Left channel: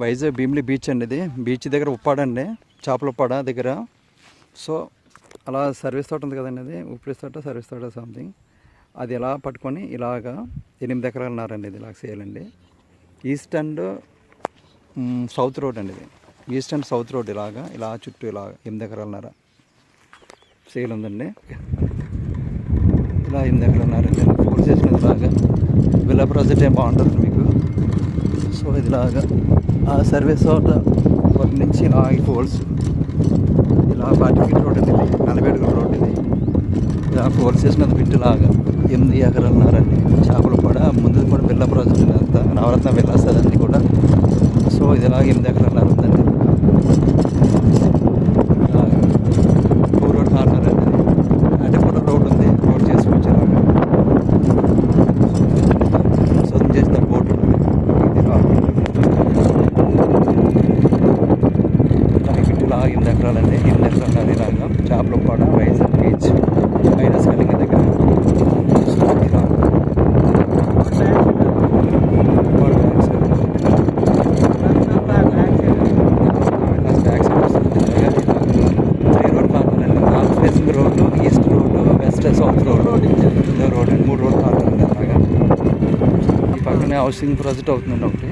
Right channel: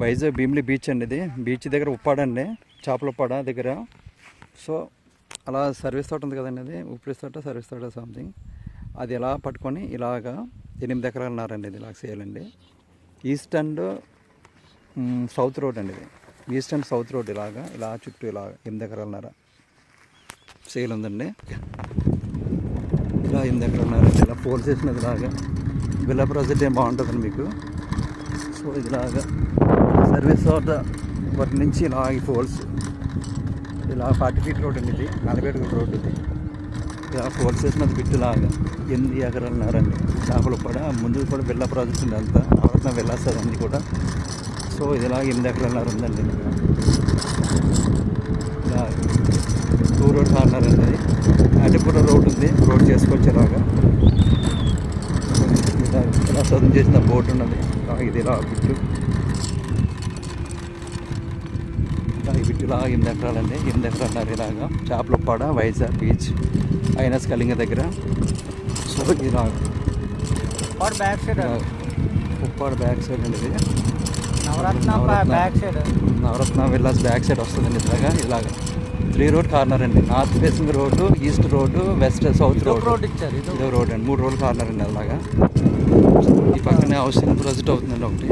Vizag Bheemili beach అండి. ఇది beach దగ్గర ఉప్పాడండి, చేపల ఉప్పాడ దగ్గర. సో అలా సర్వీస్ తోట ఉంది కదండి, అది ఉప్పు తోట సర్వీస్ తోట సంథింగ్. అది ఎలా పట్టుకొని ఇలాగా 8 ఎకరాలున్నారండి. ఇది ఇలా చేయాలండి. ఈస్ట్ అండ్ సౌత్ రోడ్ అండి. ఇది ఈస్ట్ అండ్ సౌత్ రోడ్ ఇలా చుట్టూ ఇలా 8 ఎకరాలున్నార సేల్ ఉందండి. ఇలా 8 ఎకరాలున్నారండి. ఫోర్ చేసినది ఇలాగా విల్లా ప్రాజెక్ట్ ఏం బాగుంటుంది మీకు. సో ఇదిలాగా సర్వీస్ తోట వాటి నుంచి ఇలా ఈ పోల్స్ ఇలా 40 ఫీట్ రోడ్ అండి. 40 అడుగుల రోడ్ ఇది. ఇలా పోల్స్ చేసినది బిట్ లాగా 8 ఎకరాలున్నారండి. చేపలు కూడా ముందు కూడా విల్లా ప్రాజెక్ట్ అంతా నవరత్న విల్లాస్ అదండి కూడా. సో ఇది ఇలా 8 ఎకరాలున్నారు ఉందండి. 2 రోడ్ కార్నర్ అండి. అంటే కూడా రోడ్ ఉంది, రోడ్ చేసుకొచ్చి ఇలాగా చదువు చేసిన బోట్ ఉన్నది. ఇది ఇలా 8 ఎకరాలండి. 8 ఎకరాలు ఇలాగా చేపల పాడ వైజాగ్ బీచ్ ఐనస్ కలింగ దగ్గర. సో ఇలా విల్లాస్ బ్యాక్ సైడ్ వస్తుంది. ఇలాగా 3 రోడ్ కార్నర్ అండి. North facing road, east road, west south road road అండి. 3 రోడ్ కార్నర్ అండి. అలాగా ఈ పక్కనే హౌసింగ్ ప్రాజెక్ట్ అవుతుందండి ఒకటి.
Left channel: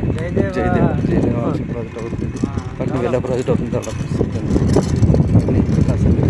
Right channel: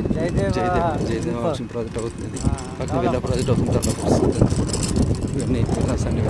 జయదేవ్ హౌసింగ్ ప్రాజెక్ట్ అవుతుంది. పక్కన విల్లా ప్రాజెక్ట్ అవుతుంది. అన్నీ విల్లాస్ అండి.